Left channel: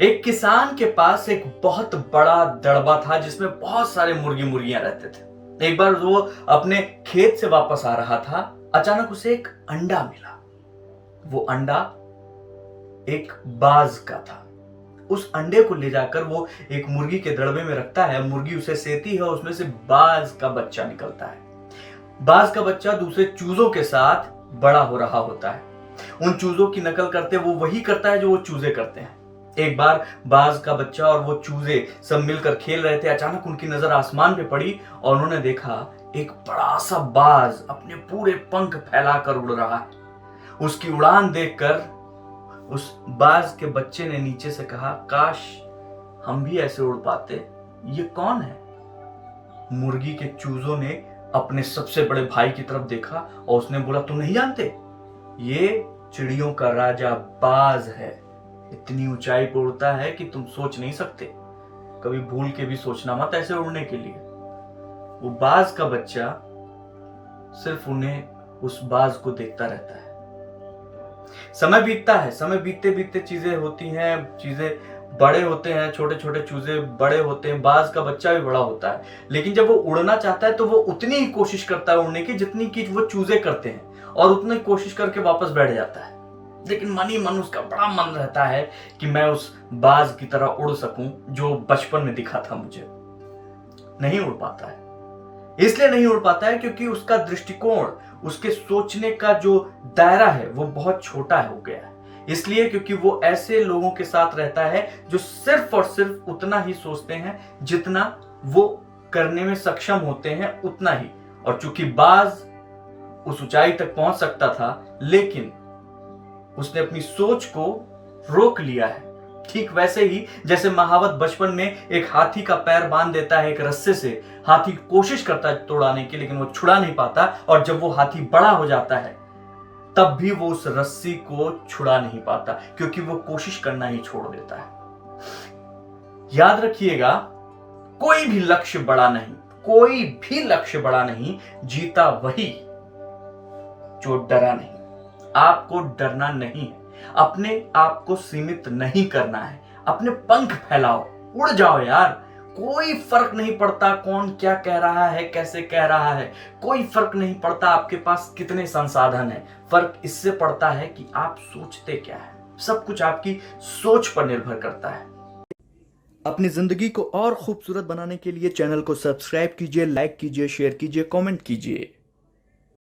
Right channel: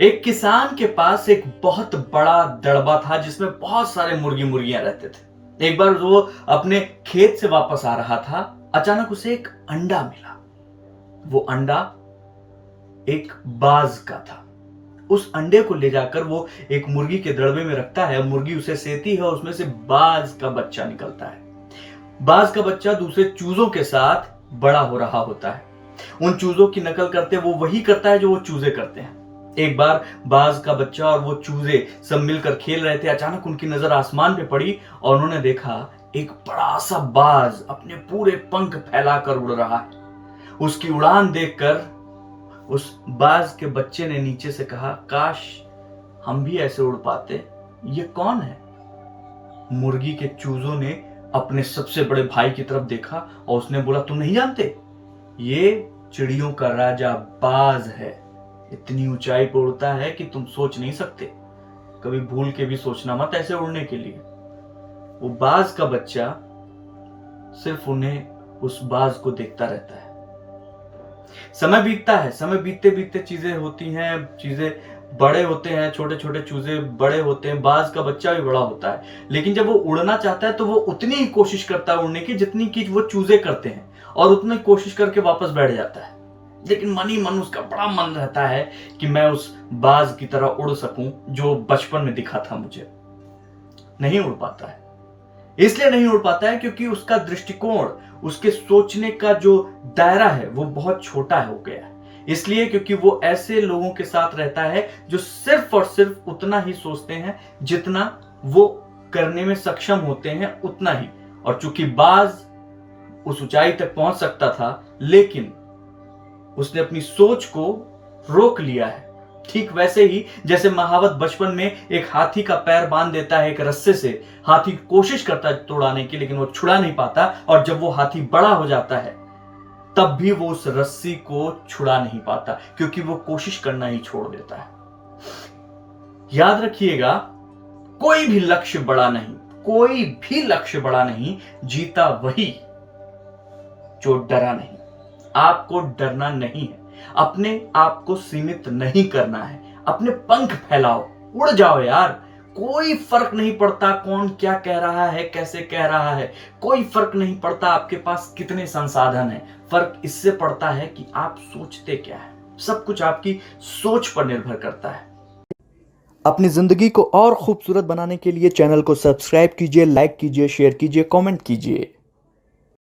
एक किसान के पास एक बहुत बड़ा दड़बा था जिसमें बहुत सारे मुर्गी मुर्गियां रहते थे। एक बार वो अपने खेत से वापस आ रहा था, अचानक उसे एक अंडा मिला। वो अंडा एक बाज का था। उस अंडे को ले जाकर वो एक मुर्गी के दड़बे में रखता है, मुर्गी उसे सेती है, उसमें से बाज का बच्चा निकलता है। बाज का बच्चा दूसरे चूजों के साथ बड़ा हो रहा होता है। उन चूजों की नकल करते वो वही करता है जो वो चूजे करते हैं। एक बार बाज का बच्चा और वो चूजे सब मिलकर खेल रहे थे। अचानक उनकी नजर आसमान पे पड़ी और उन्होंने देखा एक बड़ा सा बाज अपने पूरे पंख फैलाकर उड़ रहा है। उसकी उड़ान देखकर उस बाज के बच्चे ने नीचे से कहा, काश हम भी ऐसे उड़ पाते। ये कौन है? मुर्गी के चूजों ने अपने सबसे बड़े भाई की तरफ देखा और उसने बोला, तुम नहीं जानते? ये चिड़ियों का राजा बाज है। इतनी ऊंचाई पर उड़ता है कि तुम सोच नहीं सकते। कभी भूल के भी सोचना मत ऐसे उड़ने के लिए। वो बाज का बच्चा सिर्फ उन्हें उस बाज को देखता रहता है। समय बीतता है, समय बीतते बीतते चीजें होती हैं, चीजें बड़े होते हैं, छोटे छोटे चूजे बड़े होते हैं, बाज का बच्चा भी बड़ा होता है। लेकिन जब वो उड़ना चाहता है तो वो उतनी ही कोशिश करता है उड़ने की जितनी की वो चूजे करते हैं, और उतनी कोशिश करके वापस बैठ जाता है। लेकिन मन ही मन उसका बड़ा मन रहता है कि मैं उस बाज की तरह उड़ सकूं जो बचपन में दिखा था मुझे। नहीं उड़ पाता है। इसलिए नहीं उड़ पाता है क्योंकि उसका दृष्टिकोण, उसके सोचने का जो दायरा है वो बहुत छोटा हो गया है। इसलिए क्योंकि वो ऐसे लोगों के साथ रहता है जो सिर्फ और सिर्फ उतना ही सोचते हैं जितना वो करने में सक्षम होते हैं, उतना ही। और चूंकि बाज उस ऊंचाई तक पहुंच सकता था, लेकिन उसने अपनी सोच को रोक लिया है। ठीक वैसे ही जैसे महावत बचपन में एक हाथी का पैर बांध देता है एक रस्से से। हाथी कोशिश करता है तोड़ाने की, लेकिन वो छुड़ा नहीं पाता, और जब वो हाथी बड़ा हो जाता है तब भी वो उस रस्सी को छुड़ा नहीं पाता, क्योंकि वो कोशिश करना ही छोड़ देता है। याद रखिएगा, कोई भी लक्ष्य बड़ा नहीं, कोई भी लक्ष्य बड़ा नहीं, जीता वही जो डरा नहीं। आपको डरना नहीं है, अपने आप को सीमित नहीं करना है। अपने पंख फैलाओ, उड़ जाओ यार। कोई फर्क नहीं पड़ता कौन क्या कह रहा है, कैसे कह रहा है। कोई फर्क नहीं पड़ता आपके पास कितने संसाधन हैं। फर्क इससे पड़ता है कि आप सोचते क्या है। सब कुछ आपकी सोच पर निर्भर करता है। अपनी ज़िंदगी को और खूबसूरत बनाने के लिए चैनल को सब्सक्राइब कीजिए, लाइक कीजिए, शेयर कीजिए, कमेंट कीजिए।